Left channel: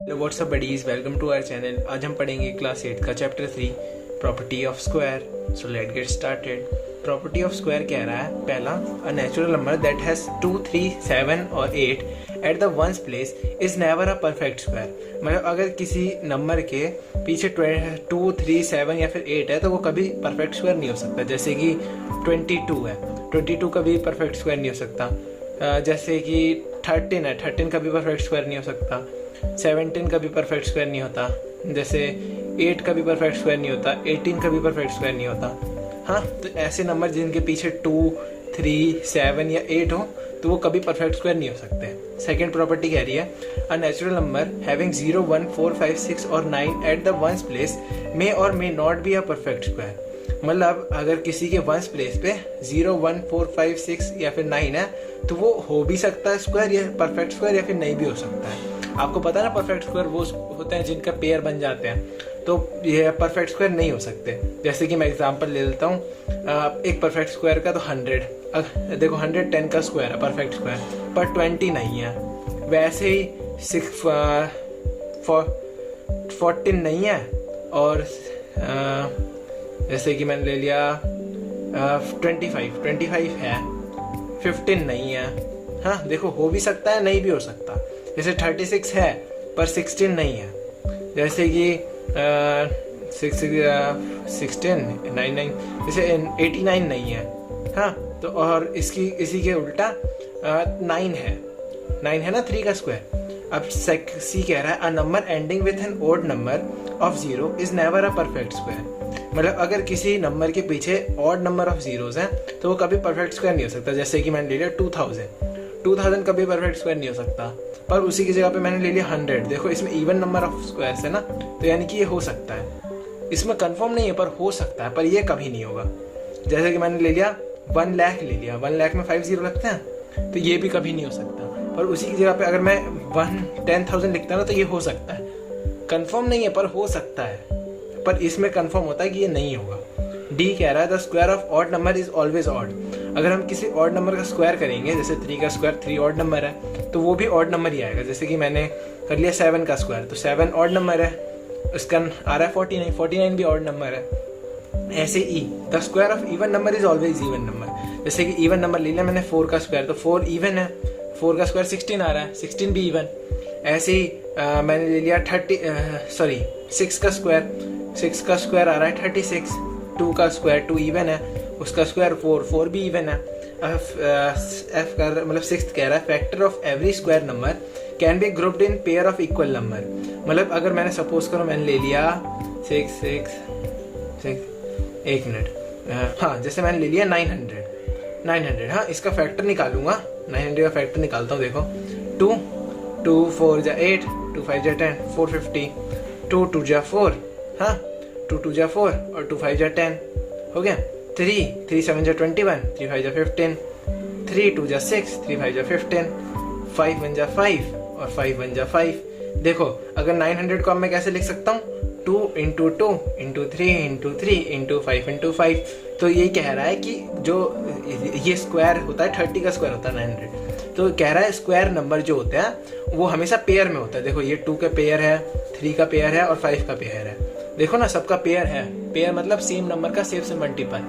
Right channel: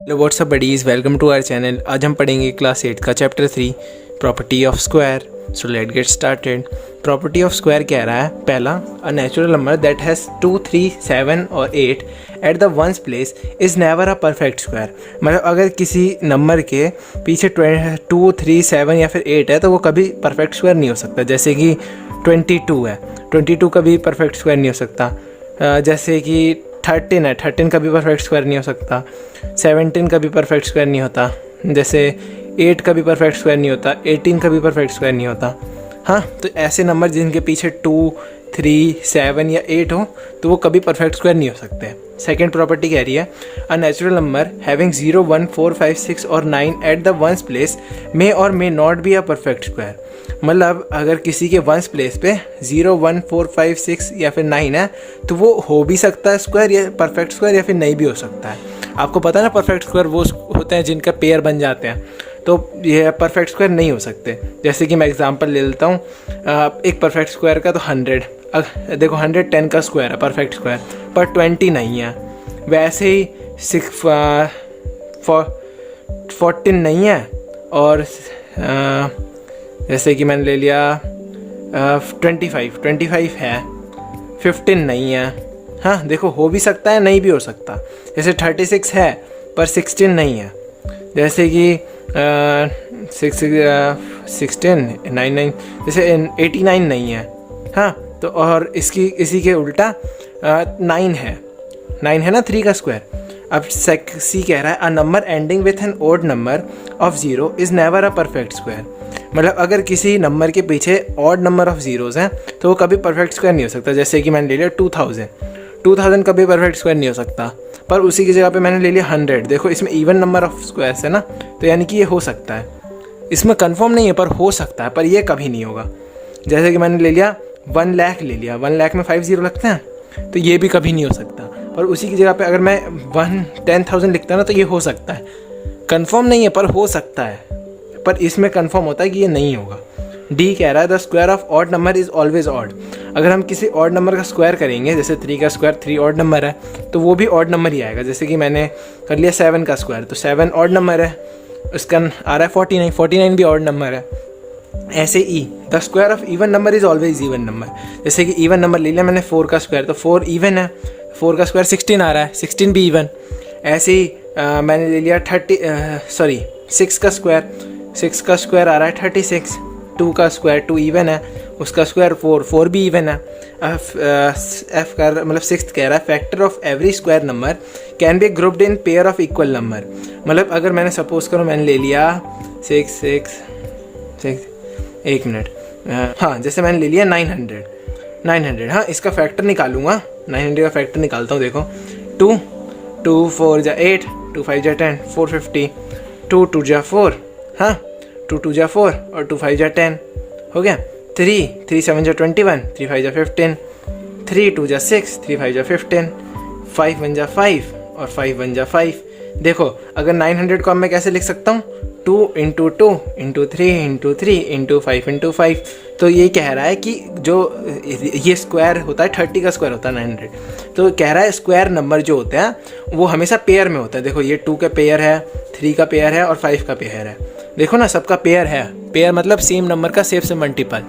Hello what's up buddies, welcome to our channel. आज हम पढ़ेंगे क्लास 8 का chapter 3 property of square. So let get started. Property of square कह रहा है, पहला, a natural number that has 2, 3, 7 और 8 at the ones place is never a perfect square. मतलब अगर किसी नंबर के पीछे 2, 3, 7 या फिर 8 है तो वो कभी परफेक्ट स्क्वायर नहीं हो सकता। जैसे कि 22 है, 22 कभी परफेक्ट स्क्वायर नहीं हो सकता। जैसे कि 13 है, 13 कभी परफेक्ट स्क्वायर नहीं हो सकता। 17 का भी परफेक्ट स्क्वायर नहीं होता। जैसे 8 का भी परफेक्ट स्क्वायर नहीं होता, 18 का भी परफेक्ट स्क्वायर नहीं होता। हाँ, तो ऐसे नंबर जिनके पीछे 2, 3, 7 या 8 हो तो वो कभी परफेक्ट स्क्वायर नहीं हो सकते। सेकेंड प्रॉपर्टी कह रही है, अ नेचुरल नंबर हैविंग 0, 1, 4, 5, 6 और 9 एट द वंस प्लेस मे और may not be a perfect square. मतलब अगर किसी के वंस प्लेस पे 0, 1, 4, 5, 6 या फिर 9 है तो वो हो भी सकता है स्क्वायर या परफेक्ट स्क्वायर, या फिर नहीं भी हो सकता है। आपको पता है ना, परफेक्ट स्क्वायर वो होते हैं जिनका पेयर बन जाते हैं, तो ये परफेक्ट स्क्वायर नहीं हो सकते। जैसे कि मैं एग्जांपल ले लेता हूँ, एक परफेक्ट स्क्वायर का तो 100, देखो 110 का स्क्वायर है परफेक्ट स्क्वायर, पर 20 नहीं है। वैसे ही 14 नहीं है, और जैसे कि मैंने ले लिया 25 है, 15 नहीं है। हाँ देखो, हो भी सकता है, नहीं भी हो सकता। जैसे 36 है पर 16 नहीं है। जैसे कि 16, 99, जैसे 89 नहीं है। हाँ, तो और इसी के उल्टा 9 है ना 3 का स्क्वायर। अब सी कह रहा है, a number ending with an odd number of 0 is never a perfect square. मतलब अगर किसी नंबर के पीछे ऑड नंबर ऑफ जीरोज़ हैं तो वो कभी परफेक्ट स्क्वायर नहीं हो सकता। जैसे कि मैंने ले लिया 2000 कभी परफेक्ट स्क्वायर नहीं हो सकता। पर उसी की जगह पे मैंने ले लिया 100। देखो इसमें इवन नंबर ऑफ स्क्वायर्स है ना, तो यानी कि ये हो सकता है। इसमें कंफर्म नहीं है पर हो सकता है, पर ये कभी नहीं होगा। जैसे कि मैंने ले लिया 1 लाख, ले लिया 1 लाख में 5 0 लगते हैं, तो ये भी कभी नहीं हो सकता। पर उसी की जगह पे अगर मैं 10,000 लिखता ना तो ये हो सकता है। कंफर्म नहीं है पर हो सकता है, पर इसमें कंफर्म होता है कि ये नहीं होगा। डी कह रहा है, the square of odd number is always odd. अगर हम किसी ऑड नंबर का स्क्वायर करेंगे, जैसे 3 का स्क्वायर 3 ऑड नंबर है, तो वो भी ऑड नंबर ही आएगा। जैसे कि मैंने कर लिया 7 का स्क्वायर, तो 7 ऑड नंबर है, उसका आ रहा है 49 भी ऑड नंबर है। ऐसे ई, the square of even number is always even number. जैसे कि इवन नंबर ले लिया मैंने 4 का स्क्वायर, तो 4 इवन है, 4 का स्क्वायर 16 आ रहा है, 16 भी इवन। ऐसे ही मैंने ले लिया 6 का स्क्वायर, 6 का स्क्वायर आ रहा है 36। 2 का स्क्वायर 2 इवन है, उसका स्क्वायर 4 भी इवन है। एफ का मतलब 6 कह रहा है, factor of every square number can be grouped in pair of equal number. मतलब अगर मैंने सपोज करो मैंने ले लिया 6, एक मिनट, हाँ जैसे मैंने ले लिया 900। हाँ, इसका फैक्टर निकालूंगा, 900 का फैक्टर निकालता हूँ। देखो 2 4 जा 8, 2 5 जा 10, 450, 2 2 जा 4, हाँ 2 2 जा 4 और 2 5 जा 10 हो गया। 3 7 जा 21, 3 5 जा 15, 3 2 जा 6, 3 5 जा 15, 5 1 जा 5 और 5 1 जा 5। देखो अगर 900 को मैं कैसे लिख सकता हूँ, 2 × 2 × 3 × 3 × 5 × 5। तो ये कह रहा है कि जो ये स्क्वायर होता है 30 का स्क्वायर होता है 900, तो कह रहा है स्क्वायर नंबर जो होते हैं वो हमेशा पेयर में होता है। देखो ये 2 का पेयर है, 3 का पेयर है और 5 का पेयर है। देखो ना, सबका पेयर है। पेयर मतलब सेम नंबर का सेम से मल्टीपल।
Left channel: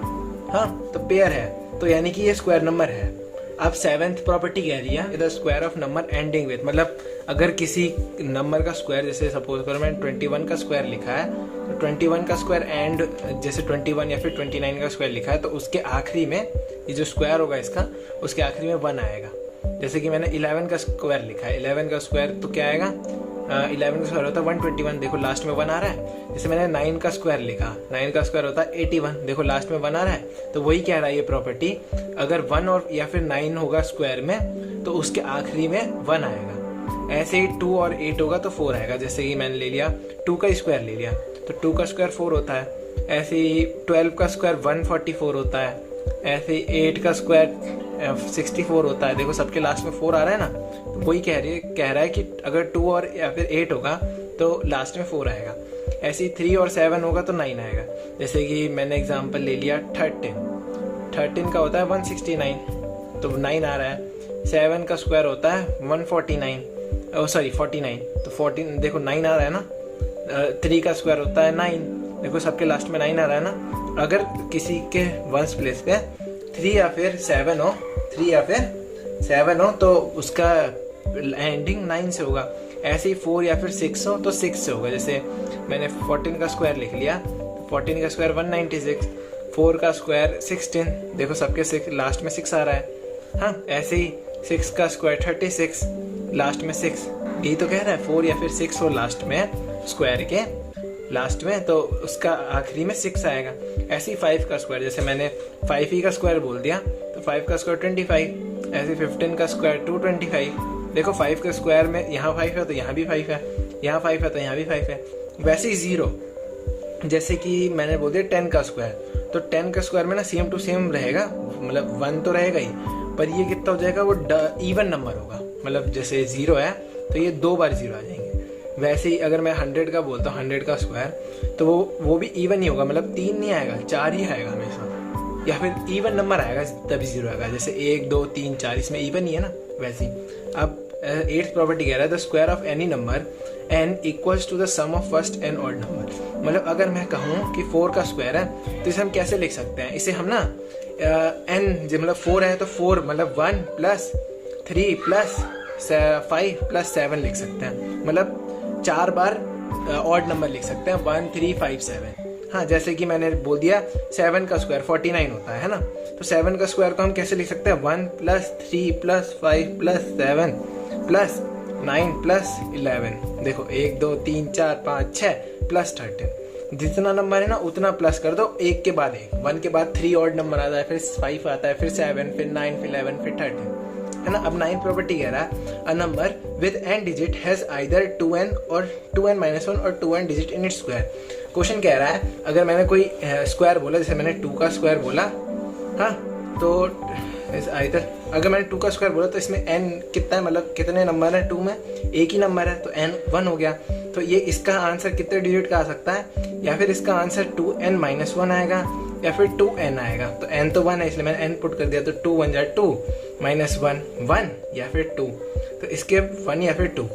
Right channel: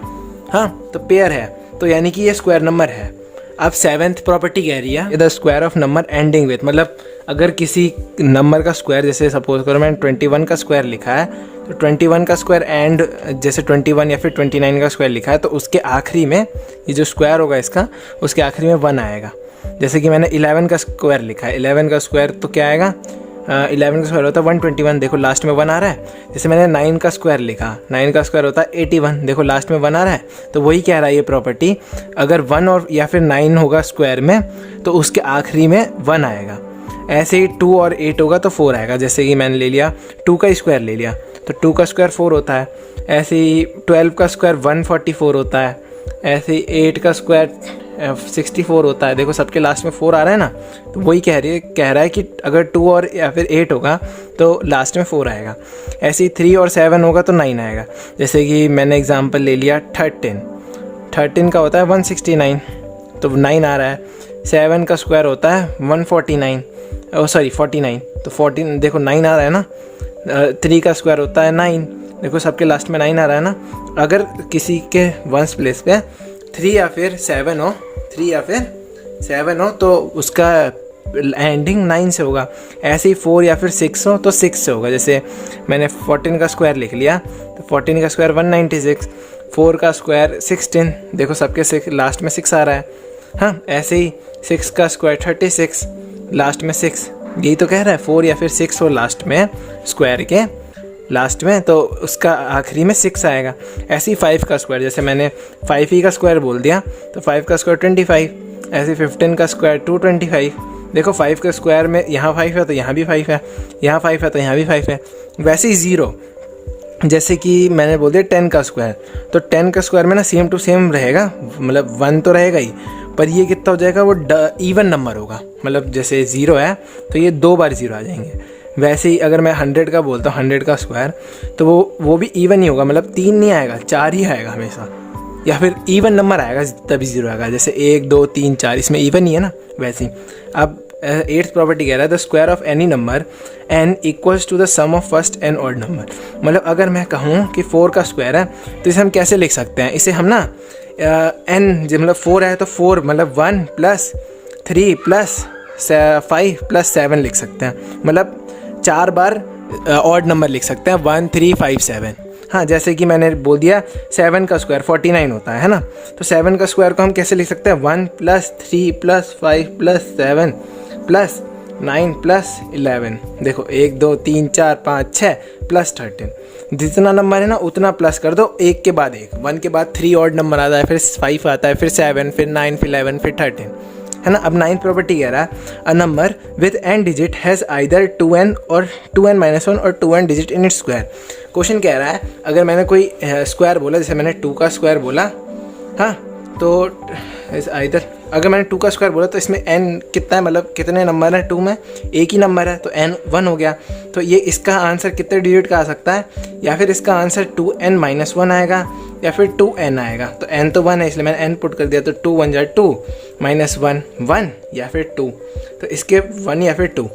हाँ, तो पेयर है, तो यानी कि ये स्क्वायर नंबर है। अब 7th प्रॉपर्टी कह रही है, the square of number ending with. मतलब अगर किसी नंबर का स्क्वायर, जैसे सपोज करो मैंने 21 का स्क्वायर लिखा है, तो 21 का स्क्वायर एंड जैसे 21 या फिर 29 का स्क्वायर लिखा है, तो उसके आखिरी में ये जो स्क्वायर होगा इसका, उसके आखिरी में 1 आएगा। जैसे कि मैंने 11 का स्क्वायर लिखा है, 11 का स्क्वायर तो क्या आएगा, 11 का स्क्वायर होता है 121, देखो लास्ट में 1 आ रहा है। जैसे मैंने 9 का स्क्वायर लिखा, 9 का स्क्वायर होता है 81, देखो लास्ट में 1 आ रहा है। तो वही कह रहा है ये प्रॉपर्टी, अगर 1 और या फिर 9 होगा स्क्वायर में तो उसके आखिरी में 1 आएगा। ऐसे ही 2 और 8 होगा तो 4 आएगा। जैसे कि मैंने ले लिया 2 का स्क्वायर ले लिया, तो 2 का स्क्वायर 4 होता है। ऐसे ही 12 का स्क्वायर 144 होता है। ऐसे ही 8 का स्क्वायर 64 होता है। देखो सबके लास्ट में 4 आ रहा है ना, तो वही कह रहा है कि अगर 2 और या फिर 8 होगा तो लास्ट में 4 आएगा। ऐसे ही 3 और 7 होगा तो 9 आएगा। जैसे कि मैंने एग्जांपल ले लिया 13 का होता है 169, तो 9 आ रहा है। 7 का स्क्वायर होता है 149, सॉरी 49, तो 14 देखो 9 आ रहा है ना, 3 का स्क्वायर होता है 9, देखो सबके लास्ट में 9 आ रहा है ना। अगर किसी के वंस प्लेस पे 3 या फिर 7 हो, 3 या फिर 7 हो तो उसका एंडिंग 9 से होगा। ऐसे ही 4 या फिर 6 हो तो 6 से होगा। जैसे मैंने 14 का स्क्वायर लिख लिया, तो 14 का स्क्वायर 196, 4 का स्क्वायर 16, देखो सबके लास्ट में 6 आ रहा है। हाँ, ऐसे ही 6 का स्क्वायर 36, लास्ट में 6, यही तो कह रहा है 4 या फिर 6 हो लास्ट में, स्क्वायर के लास्ट में, तो उसका आखिरी में 6 आएगा। ऐसे ही 5 का स्क्वायर, जैसे मैंने 5 ही का स्क्वायर बोल दिया तो 5 का स्क्वायर 25, ऐसे 15 का स्क्वायर 225, देखो 5 का स्क्वायर में यहाँ 5 है तो यहाँ भी 5 है, यहाँ 5 है तो यहाँ भी 5 है। वैसे ही 0, जैसे कि मैंने बोल दिया 10 का स्क्वायर, तो 10 का स्क्वायर में ना सेम टू सेम रहेगा, मतलब 1 तो रहेगा ही, पर ये कितना हो जाएगा, वो इवन नंबर होगा। मतलब जैसे 0 है तो ये 2 बार 0 आ जाएंगे। वैसे ही अगर मैं 100 का बोलता हूँ, 100 का स्क्वायर, तो वो भी इवन ही होगा, मतलब 3 नहीं आएगा, 4 ही आएगा हमेशा, या फिर इवन नंबर आएगा तभी 0 आएगा। जैसे 1 2 3 4 इसमें इवन ही है ना। वैसे ही अब 8th प्रॉपर्टी कह रहा है the square of any number n equals to the sum of first and odd number. मतलब अगर मैं कहूँ कि 4 का स्क्वायर है तो इसे हम कैसे लिख सकते हैं, इसे हम ना n जब मतलब 4 है तो 4 मतलब 1 प्लस 3 प्लस 5 प्लस 7 लिख सकते हैं। मतलब 4 बार ऑड नंबर लिख सकते हैं, 1 3 5 7। हाँ, जैसे कि मैंने बोल दिया 7 का स्क्वायर 49 होता है ना, तो 7 का स्क्वायर को हम कैसे लिख सकते हैं, 1 plus 3 plus 5 plus 7 plus 9 plus 11। देखो 1 2 3 4 5 6 प्लस 13, जितना नंबर है ना उतना प्लस कर दो, एक के बाद एक, 1 के बाद 3 ऑड नंबर आता है, फिर 5 आता है, फिर 7, फिर 9, फिर 11, फिर 13, है ना। अब 9th प्रॉपर्टी कह रहा है a number with n digit has either 2n और 2n माइनस 1 और 2n digit in its square. Question कह रहा है अगर मैंने कोई स्क्वायर बोला, जैसे मैंने 2 का स्क्वायर बोला, हाँ, तो आइदर अगर मैंने 2 का स्क्वायर बोला तो इसमें n कितना है, मतलब कितने नंबर है 2 में, एक ही नंबर है तो n 1 हो गया। तो ये इसका आंसर कितने डिजिट का आ सकता है, या फिर इसका आंसर 2n माइनस 1 आएगा या फिर 2n आएगा। तो n तो 1 है इसलिए मैंने n पुट कर दिया, तो 2 1 जा 2 माइनस 1 1 या फिर 2, तो इसके 1 या फिर 2,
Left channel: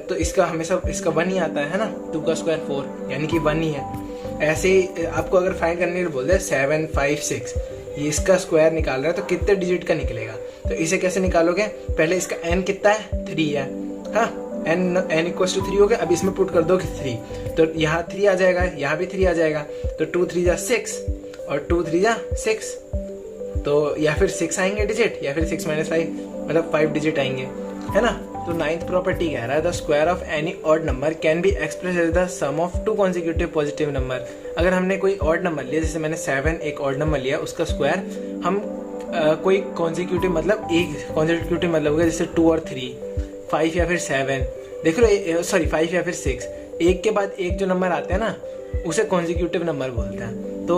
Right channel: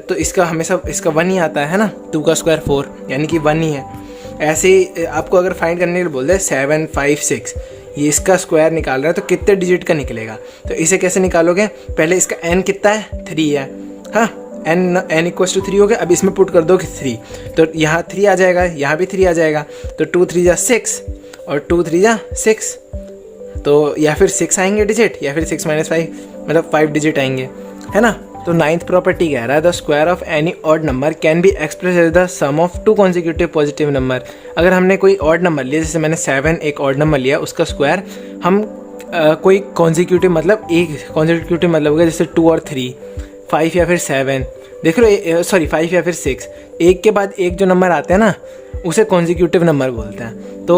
तो इसका हमेशा इसका 1 ही आता है ना। 2 का स्क्वायर 4 यानी कि 1 ही है। ऐसे ही आपको अगर फाइंड करने के लिए बोल दे 7 5 6, ये इसका स्क्वायर निकाल रहा है तो कितने डिजिट का निकलेगा, तो इसे कैसे निकालोगे, पहले इसका n कितना है 3 है, हाँ, n इक्वल्स टू 3 हो गया। अब इसमें पुट कर दो कि 3, तो यहाँ 3 आ जाएगा, यहाँ भी 3 आ जाएगा, तो 2 3 जा 6 और 2 3 जा 6, तो या फिर 6 आएंगे डिजिट, या फिर 6 माइनस 5 मतलब 5 डिजिट आएंगे, है ना। तो 9th प्रॉपर्टी कह रहा है the square of any odd number can be express as the sum of 2 consecutive positive number. अगर हमने कोई ऑड नंबर लिया, जैसे मैंने 7 एक ऑड नंबर लिया, उसका स्क्वायर हम कोई कॉन्जिक्यूटिव मतलब एक कॉन्जिक्यूटिव मतलब हो गया, जैसे 2 और 3, 5 या फिर 7, देख लो सॉरी 5 या फिर 6, एक के बाद एक जो नंबर आते हैं ना उसे कॉन्जिक्यूटिव नंबर बोलते हैं। तो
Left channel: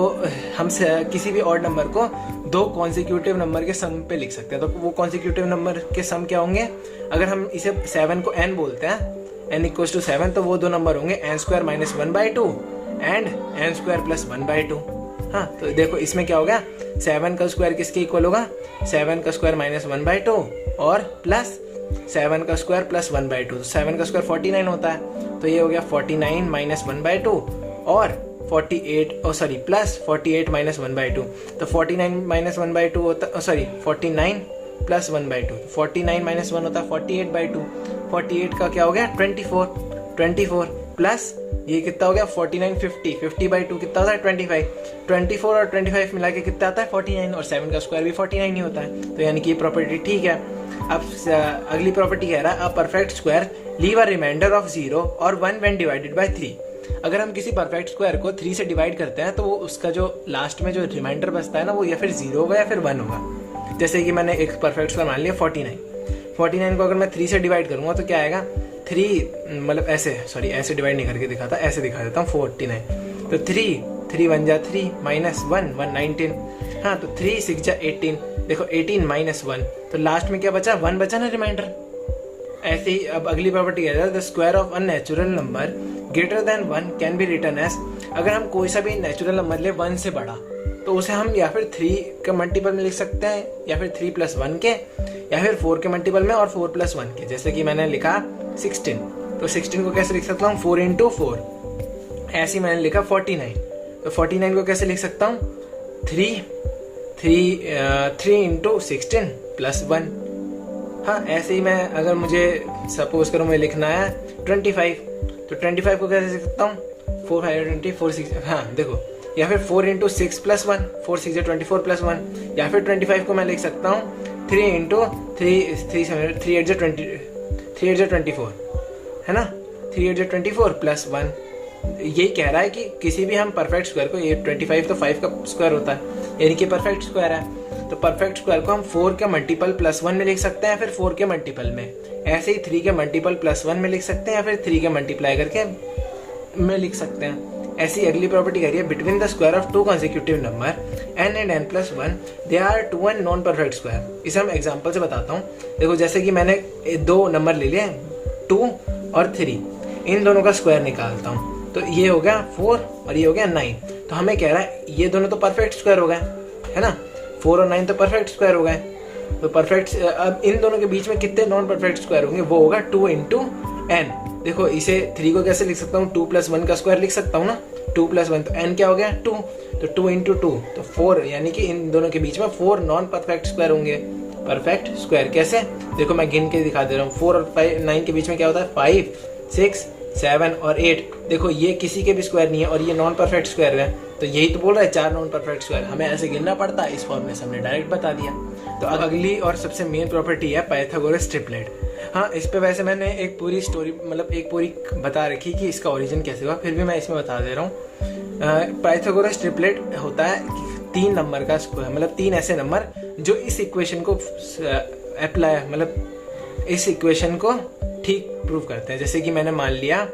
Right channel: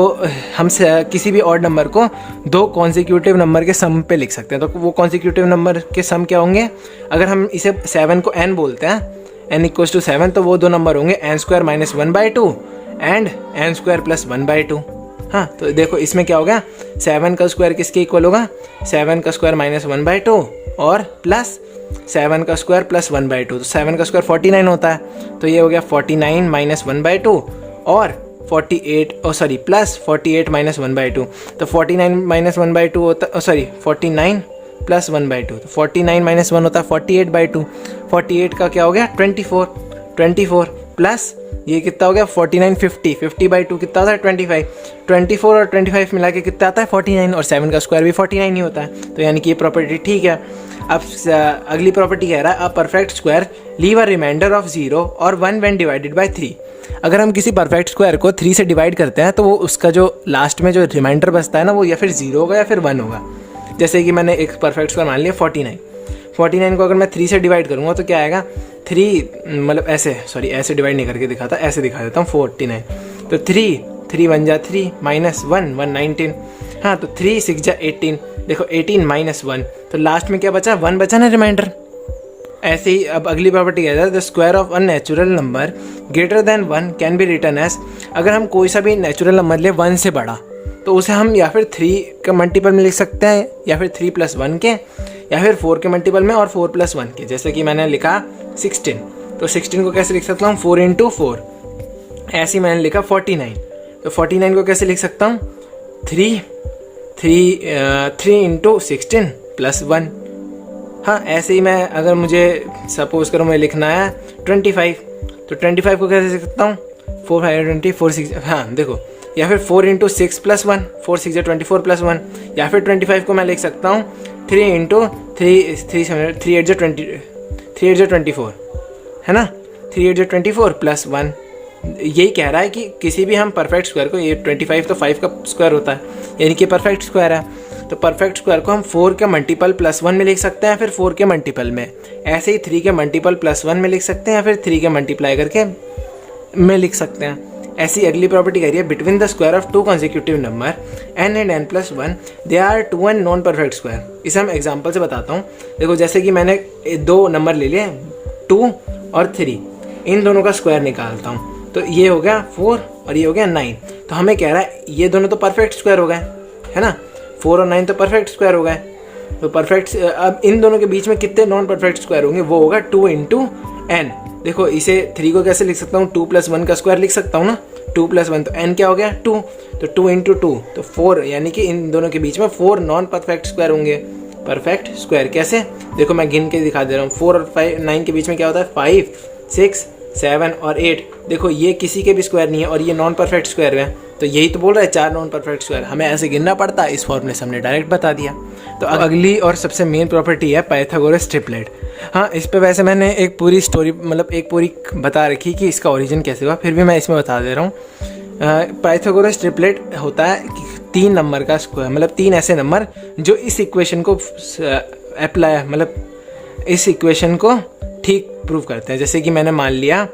हम किसी भी ऑड नंबर को 2 कॉन्जिक्यूटिव नंबर के सम पे लिख सकते हैं। तो वो कॉन्जिक्यूटिव नंबर के सम क्या होंगे, अगर हम इसे 7 को n बोलते हैं, n इक्वल्स टू 7, तो वो 2 नंबर होंगे n square minus 1/2 and n square plus 1/2। हाँ, तो देखो इसमें क्या होगा, 7 का स्क्वायर किसके इक्वल होगा, 7 का स्क्वायर माइनस 1/2 और प्लस 7 का स्क्वायर प्लस 1/2, तो 7 का स्क्वायर 49 होता है, तो ये हो गया 49 माइनस 1/2 और 48 प्लस 48 माइनस 1/2, तो 49 माइनस 1/2 होता, 49 प्लस 1/2, तो 49 माइनस 1 होता है 48/2, 48 का क्या हो गया 24 प्लस ये कितना हो गया 49 50/2 कितना होता है 24 और 25 मिला के कितना आता है 49, और 7 का स्क्वायर भी 49 ही होता है, तो यानी कि ये प्रॉपर्टी ठीक है। अब अगली प्रॉपर्टी कह रहा है a perfect square leave a reminder of 0 और 1 व्हेन डिवाइडेड बाय 3। अगर हम किसी परफेक्ट स्क्वायर को 3 से डिवाइड करते हैं तो वो उसका जो लास्ट में जो रिमाइंडर बचता है ना, वो या फिर 0 होगा या फिर 1 होगा। जैसे कि मैंने एक परफेक्ट स्क्वायर मान लिया 49 को अगर मैं 3 से डिवाइड करूँगा तो क्या आएगा 3, मतलब ऐसे डिवाइड नहीं करके दिखाता, ऐसे दिखा देता हूँ 49, तो 3 1 जा 3 माइनस 1 19, हाँ, तो 3 6 जा 18, देखो 18 माइनस 1, तो लास्ट में क्या बचा 1 बचा ना रिमाइंडर। ऐसे ही अब अगली प्रॉपर्टी कहता है the square of a natural number greater than 1 can be written as. अगर हम कोई सा भी नेचुरल नंबर ले 1 से बड़ा, तो उसे हम या फिर 3 के मल्टीपल में लिख सकते हैं, या फिर 3 + 1 के, या फिर 4 के मल्टीपल में और 4 + 1 के। जैसे कि मैंने लिखा 16, तो 16 को कैसे लिख सकता हूँ 4 इंटू 4, ऐसे ही मैंने लिखा 49, तो 49 को कैसे लिख सकता हूँ 3 इंटू 16 प्लस 1। हाँ, ऐसे ही मैं अगर मुझे सपोज करो मैं लिखना है 25, तो 25 को कैसे लिख सकता हूँ 4 5 20 4 6, हाँ देखो, या फिर 4 इंटू 6 प्लस 1, 4 6 24 प्लस 1, या फिर 25 को मैं लिख सकता हूँ 3 इंटू 3 8 24, है ना, 3 8 24 प्लस 1। यही कह रहा है कि किसी भी हम परफेक्ट स्क्वायर को, ये 25 तो 5 का स्क्वायर होता है, यानी कि परफेक्ट स्क्वायर है, तो परफेक्ट स्क्वायर को हम 4 के मल्टीपल प्लस 1 में लिख सकते हैं, फिर 4 के मल्टीपल में, ऐसे ही 3 के मल्टीपल प्लस 1 में लिख सकते हैं, फिर 3 के मल्टीप्लाई करके में लिख सकते हैं। ऐसी अगली प्रॉपर्टी कह रही है between the square of two consecutive number n and n plus 1 they are 2 and non perfect square. इसे हम एग्जाम्पल से बताता हूँ। देखो, जैसे कि मैंने 2 नंबर ले लिए 2 और 3, इन दोनों का स्क्वायर निकालता हूँ, तो ये हो गया 4 और ये हो गया 9। तो हमें कह रहा है ये दोनों तो परफेक्ट स्क्वायर हो गए, है ना, 4 और 9 तो परफेक्ट स्क्वायर हो गए। तो परफेक्ट, अब इन दोनों के बीच में कितने नॉन परफेक्ट स्क्वायर होंगे, वो होगा 2 इंटू n। देखो, इसे 3 को कैसे लिख सकता हूँ 2 प्लस 1 का स्क्वायर लिख सकता हूँ ना, 2 प्लस 1, तो n क्या हो गया 2, तो 2 इंटू 2 तो 4, यानी कि इन दोनों के बीच में 4 नॉन परफेक्ट स्क्वायर होंगे। परफेक्ट स्क्वायर कैसे, देखो मैं गिन के दिखा दे रहा हूँ। 4 और 9 के बीच में क्या होता है 5 6 7 और 8। देखो, ये किसी के भी स्क्वायर नहीं है और ये नॉन परफेक्ट स्क्वायर है, तो यही तो बोल रहा है 4 नॉन परफेक्ट स्क्वायर। हमें ऐसे गिनना पड़ता है, इस फॉर्मूले से हमने डायरेक्ट बता दिया। तो अगली और सबसे मेन प्रॉपर्टी है पाइथागोरस ट्रिपलेट। हाँ, इस पे वैसे मैंने एक पूरी स्टोरी, मतलब एक पूरी बता रखी कि इसका ओरिजिन कैसे हुआ, फिर भी मैं इसमें बता दे रहा हूँ। पाइथागोरस ट्रिपलेट होता है 3 नंबर का स्क्वायर, मतलब 3 ऐसे नंबर जो इस इक्वेशन को अप्लाई, मतलब इस इक्वेशन को ठीक प्रूव करते हैं। जैसे कि मैंने मान लिया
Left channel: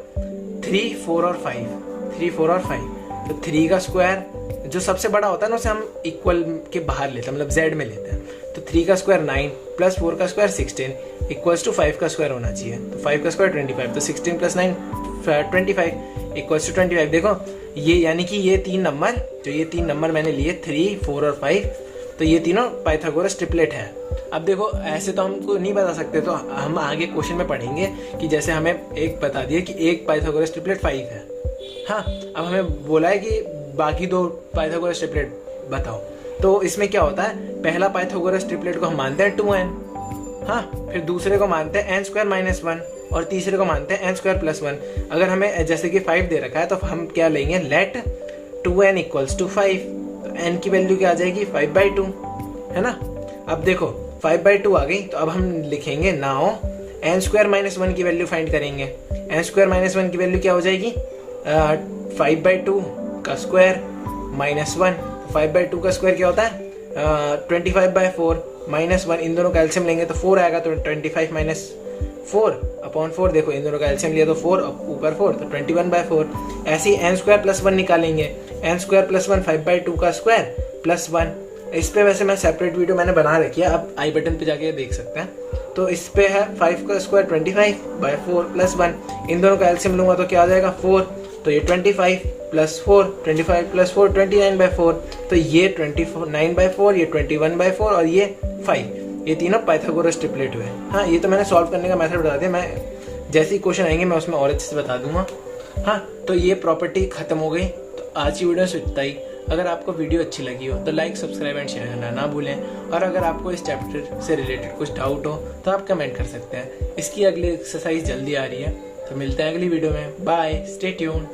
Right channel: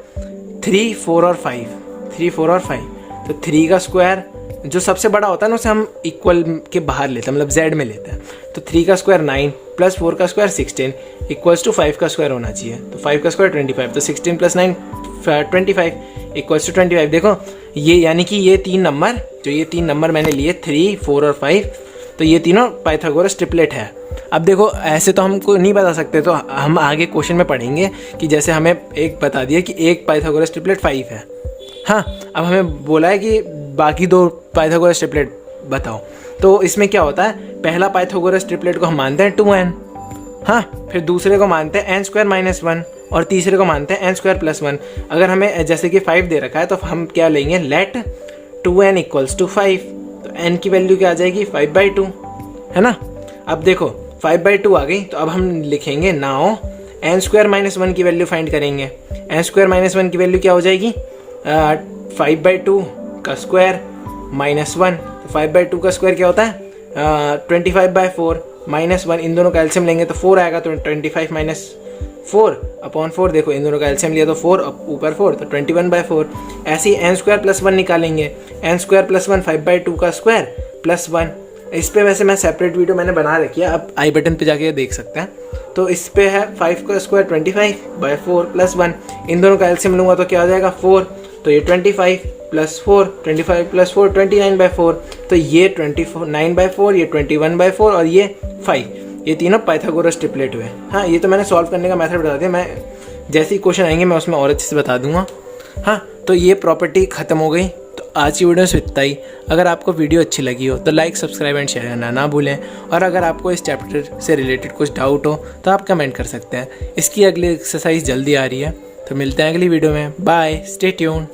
3 4 और 5, 3 4 और 5, तो 3 का स्क्वायर जो सबसे बड़ा होता है ना उसे हम इक्वल के बाहर लेते हैं, मतलब z में लेते हैं। तो 3 का स्क्वायर 9 प्लस 4 का स्क्वायर 16 इक्वल्स टू 5 का स्क्वायर होना चाहिए, तो 5 का स्क्वायर 25, तो 16 प्लस 9 25 इक्वल्स टू 25। देखो, ये यानी कि ये 3 नंबर, जो ये 3 नंबर मैंने लिए 3 4 और 5, तो ये तीनों पाइथागोरस ट्रिपलेट है। अब देखो, ऐसे तो हमको नहीं बता सकते, तो हम आगे क्वेश्चन में पढ़ेंगे कि जैसे हमें एक बता दिया कि एक पाइथागोरस ट्रिपलेट 5 है। हाँ, अब हमें बोला है कि बाकी 2 पाइथागोरस ट्रिपलेट बताओ, तो इसमें क्या होता है, पहला पाइथागोरस ट्रिपलेट को हम मानते हैं 2n, हाँ, फिर दूसरे को मानते हैं n स्क्वायर माइनस 1 और तीसरे को मानते हैं n स्क्वायर प्लस 1। अगर हमें जैसे कि 5 दे रखा है तो हम क्या लेंगे, लेट 2n इक्वल्स टू 5, तो n की वैल्यू क्या आ जाएगी 5/2, है ना। अब देखो 5/2 आ गई, तो अब हम लिखेंगे नाउ n स्क्वायर माइनस 1 की वैल्यू फाइंड करेंगे। n स्क्वायर माइनस 1 की वैल्यू क्या हो जाएगी 5/2 का स्क्वायर माइनस 1, 5/2 का स्क्वायर क्या होता है 25/4 माइनस 1, इन दोनों का एलसीएम लेंगे तो 4 आएगा, तो 25 माइनस 4/4, देखो इन दोनों का एलसीएम लिया तो 4 ऊपर 4, तो 21/4। ऐसे ही n स्क्वायर प्लस 1 निकालेंगे, n स्क्वायर प्लस 1 5/2 का स्क्वायर प्लस 1। इस पे वैसे मैं सेपरेट वीडियो मैंने बना रखी है, आप आई बटन पे जाके देख सकते हैं। तो इस पे है 5 का स्क्वायर 25/4 प्लस 1, इन दोनों का एलसीएम लूँगा तो क्या आ जाएगा 4, तो ये 25 प्लस 4, 25 प्लस 4 29/4, तो ये 29/4, ये 21/4 और ये 5, ये तीनों पाइथागोरस ट्रिपलेट हुए। हाँ, ये तो मैंने सॉल्व करने का मेथड बता दिया, मैं जैसे ही क्वेश्चन आएंगे मैं उसमें और अच्छे से बता दूंगा। हाँ, तो ये प्रॉपर्टी ख़त्म हो गई। तो आज की वीडियो से इतना ही। अगर आपको वीडियो अच्छी लगी हो तो लाइक, सब्सक्राइब एंड शेयर करना ना भूलें, और अगर आपको इस चैप्टर से रिलेटेड कुछ डाउट हो तो आप कमेंट कर सकते हैं। इसकी अगली एक्सरसाइज जल्दी आ रही है, तो मिलते हैं अगली वीडियो में। Bye, stay tuned.